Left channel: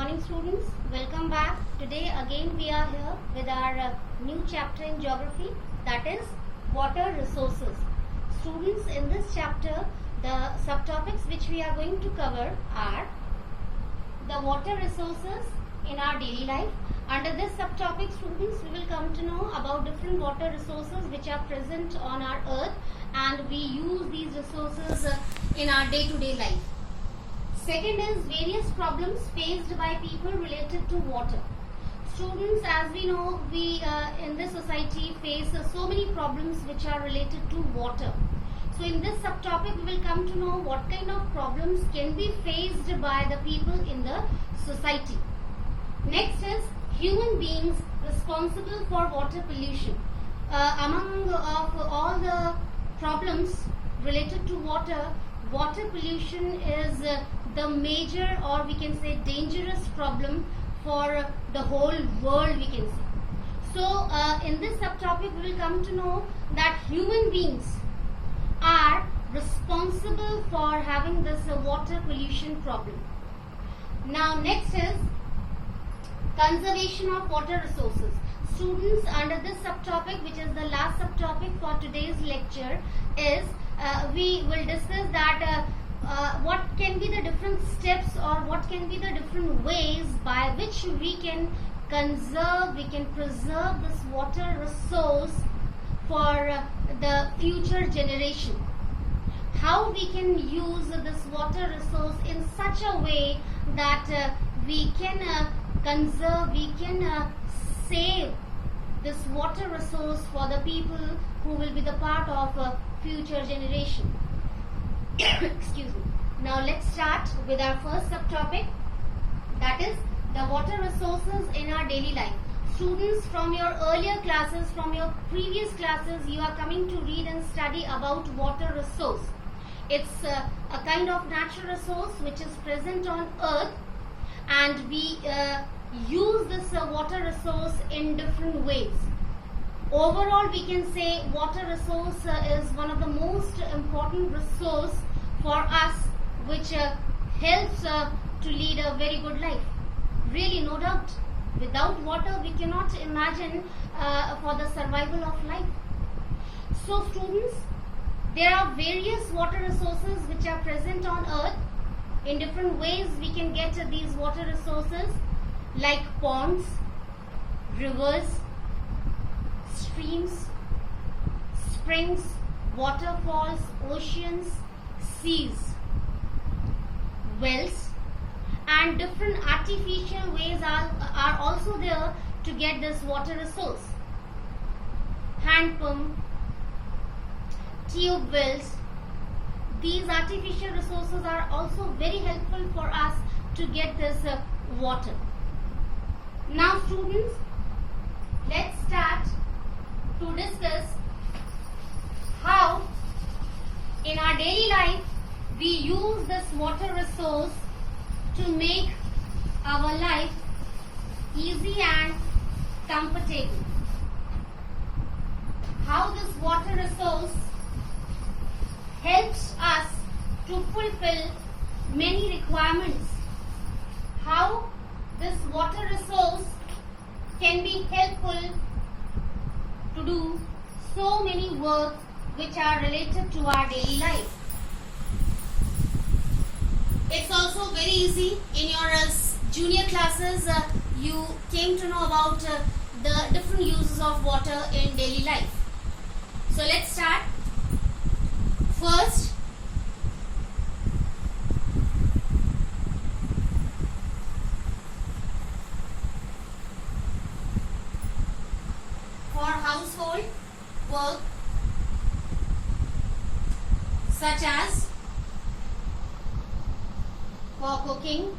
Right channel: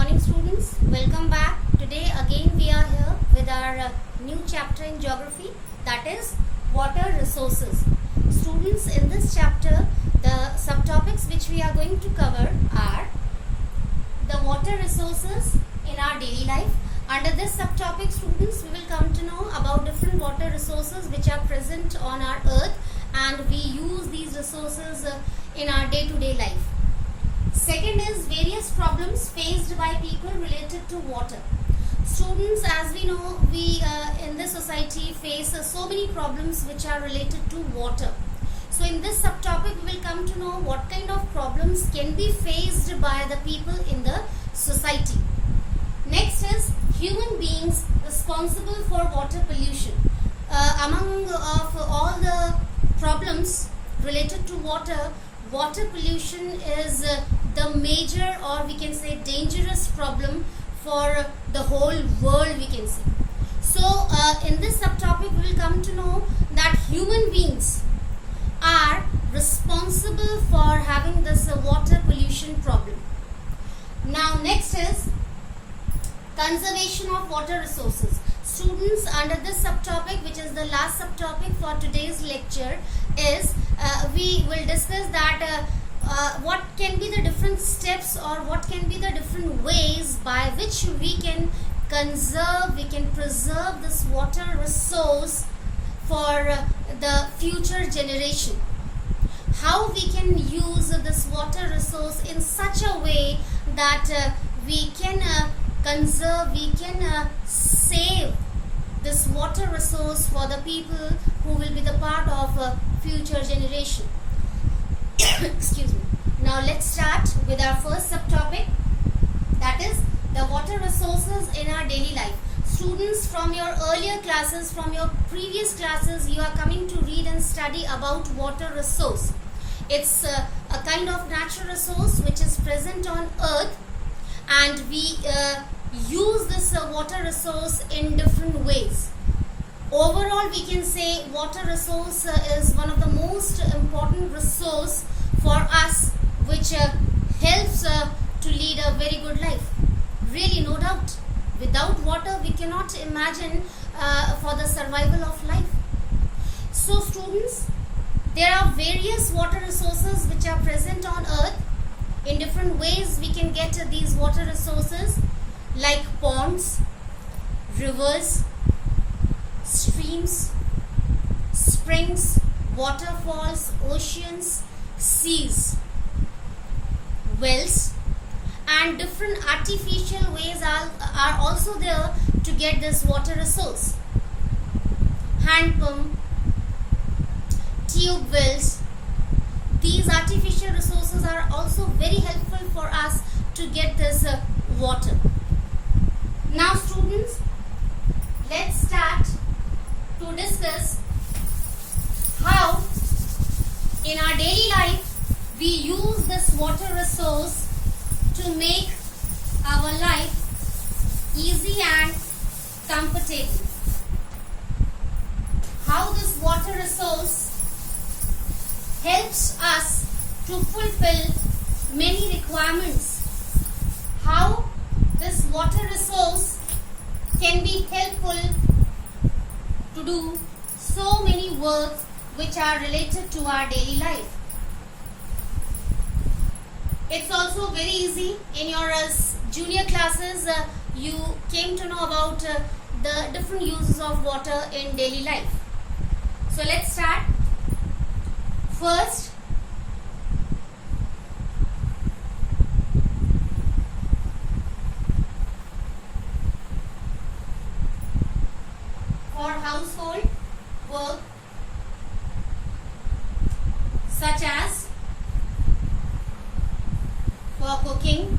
morning, students. Welcome back. Today again we are here with our new chapter in geography, that is water resources. Students, in this chapter the subtopics which we are going to cover are the water resources in our daily life. Under this subtopic, students, we will come to know about different water resources which are present on our earth, and we use these resources in our day-to-day life. Second is various problems faced by people related to water. Students, as we know, we in this society face so many problems which are related to water. So in this subtopic, we will come to know what kind of problems can be faced by the people in the society. Next is human beings responsible for water pollution. Among of all the problems related to water, water pollution is the major, or we can say dangerous problem for the whole world, we can say. So in this subtopic, we will come to know that human beings are responsible for having this water pollution problem. Now next is conservation of water resources. Students, under this subtopic, which is the last subtopic for today's lecture, is we will discuss that what can be the different steps, or what can be the different ways by which we can conserve, we can preserve this water resource for the future generation. How we can use this water resource in such a way that we can conserve, we can save this water resource for the people who will be the part of future generation. Excuse me. Now let's start with our first subtopic, that is the water resources in our daily life. Students, from your earlier classes, from your previous classes, you are coming to read and study about water resource. It's a kind of natural resource which is present on earth, and we use this water resource in different ways. Overall, we can say water resource is one of the most important resource for us, which helps to lead a very good life. Really, no doubt. Without water, we cannot imagine for the survival of life. So students, there are various water resources which are present on earth. In different ways we can get these water resources, like ponds, rivers, streams, springs, waterfalls, oceans, seas, wells, and different artificial ways are also there to get this water resource. Hand pump, tube wells, these artificial resources are also very helpful for us to get this water. Now students, let's start to discuss how in our daily life we use this water resource to make our life easy and comfortable. How this water resource helps us to fulfill many requirements. How this water resource can be helpful to do so many work which are related to our daily life. It's also very easy. In your junior classes, you came to know about the different uses of water in daily life. So let's start. First, for household work such as for cooking,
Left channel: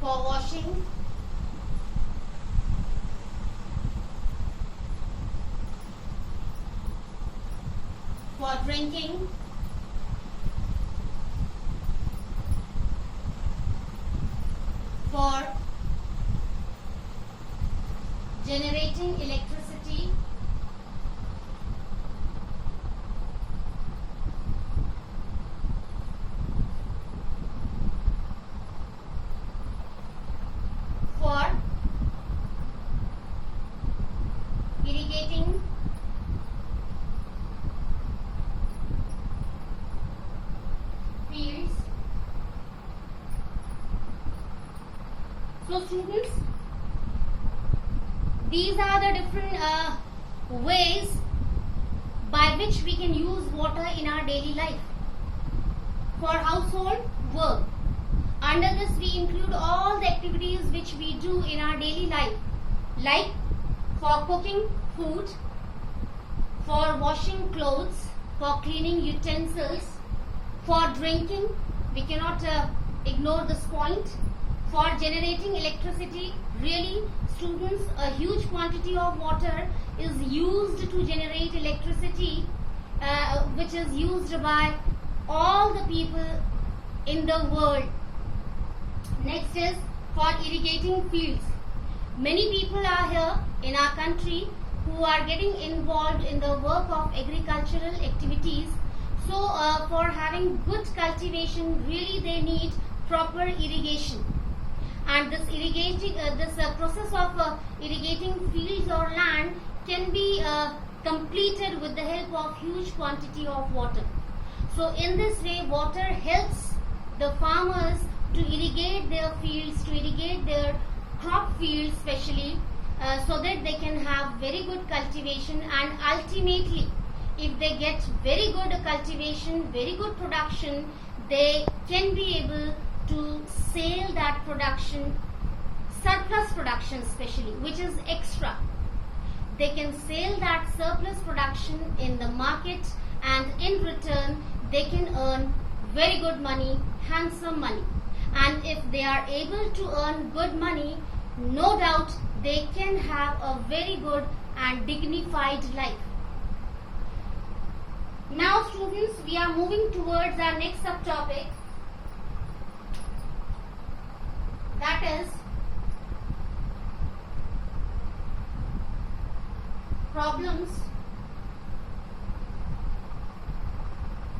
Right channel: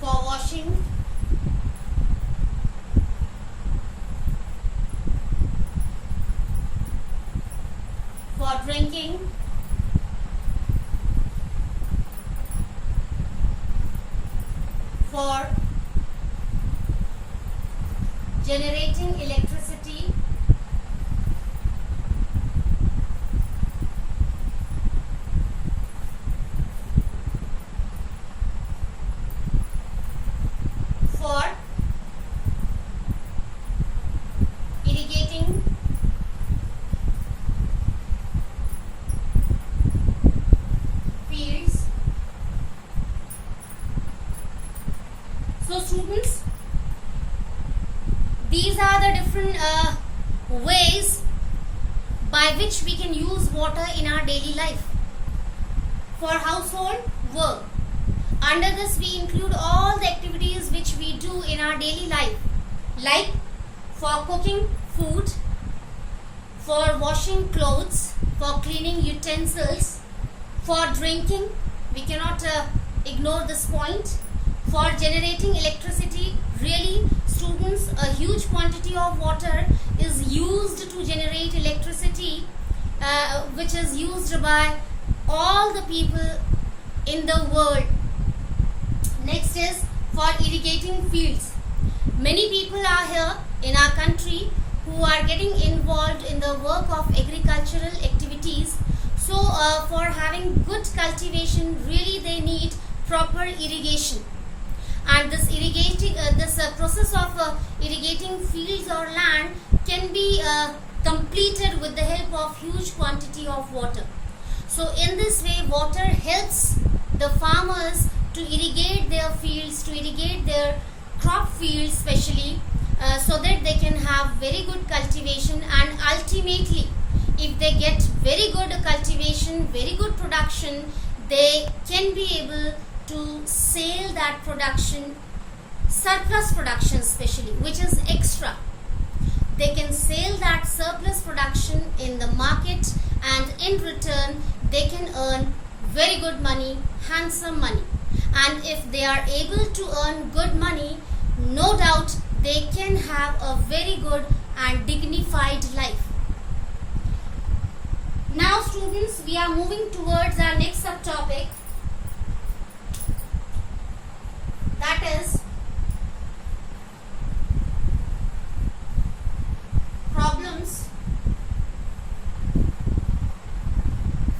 for washing, for drinking, for generating electricity, students, these are the different ways by which we can use water in our daily life. For household work, under this we include all the activities which we do in our daily life, like for cooking food, for washing clothes, for cleaning utensils, for drinking, we cannot ignore this point, for generating electricity. Really, students, a huge quantity of water is used to generate electricity, which is used by all the people in the world. Next is for irrigating fields. Many people are here in our country who are getting involved in the work of agricultural activities. So for having good cultivation, really they need proper irrigation. And this process of irrigating fields or land can be completed with the help of huge quantity of water. So in this way, water helps the farmers to irrigate their fields, to irrigate their crop fields especially, so that they can have very good cultivation, and ultimately if they get very good cultivation, very good production, they can be able to sell that production, surplus production especially, which is extra. They can sell that surplus production in the market, and in return they can earn very good money, handsome money. And if they are able to earn good money, no doubt they can have a very good and dignified life. Now students, we are moving towards our next subtopic, that is problems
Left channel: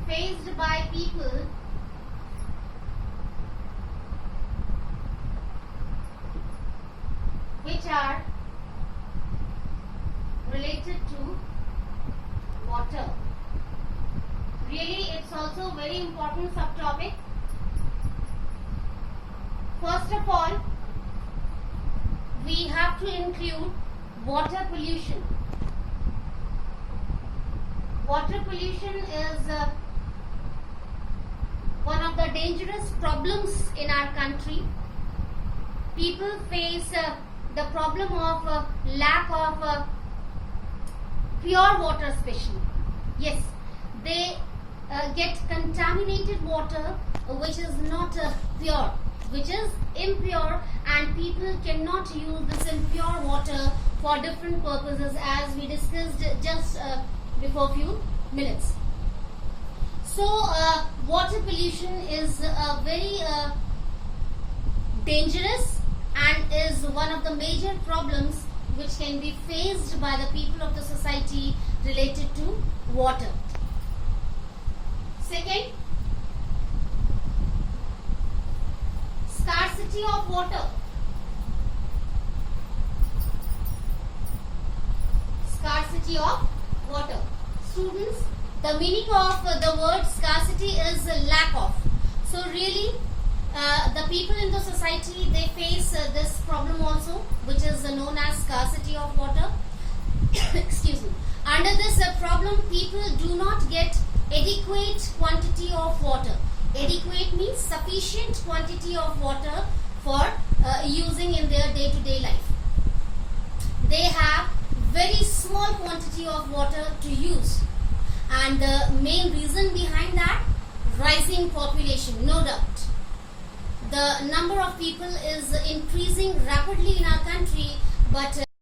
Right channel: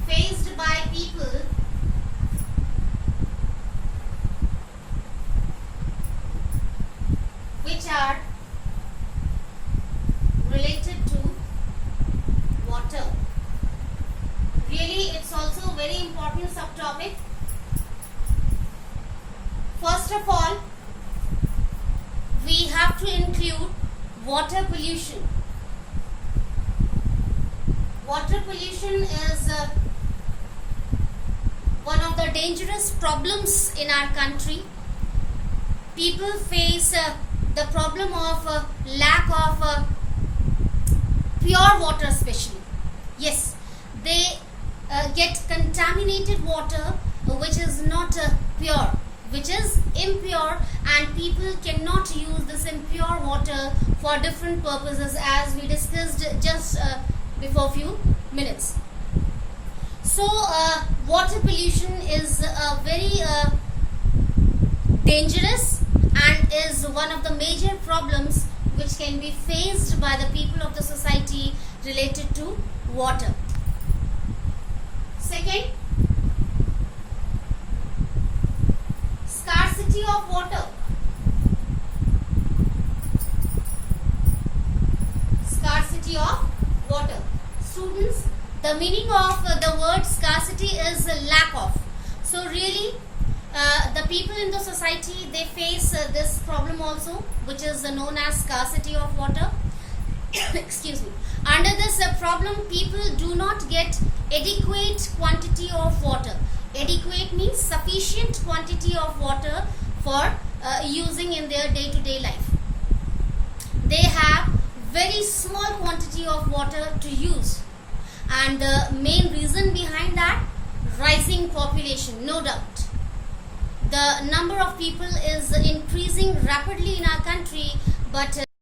faced by people which are related to water. Really, it's also a very important subtopic. First of all, we have to include water pollution. Water pollution is one of the dangerous problems in our country. People face the problem of lack of pure water especially. Yes, they get contaminated water which is not pure, which is impure, and people cannot use this impure water for different purposes, as we discussed just before few minutes. So water pollution is very dangerous and is one of the major problems which can be faced by the people of the society related to water. Second, scarcity of water. Scarcity of water. Students, the meaning of the word scarcity is lack of. So really, the people in the society, they face this problem also, which is known as scarcity of water. Excuse me. Under this problem, people do not get adequate quantity of water. Adequate means sufficient quantity of water for using in their day-to-day life. They have very small quantity of water to use, and the main reason behind that, rising population, no doubt. The number of people is increasing rapidly in our country, but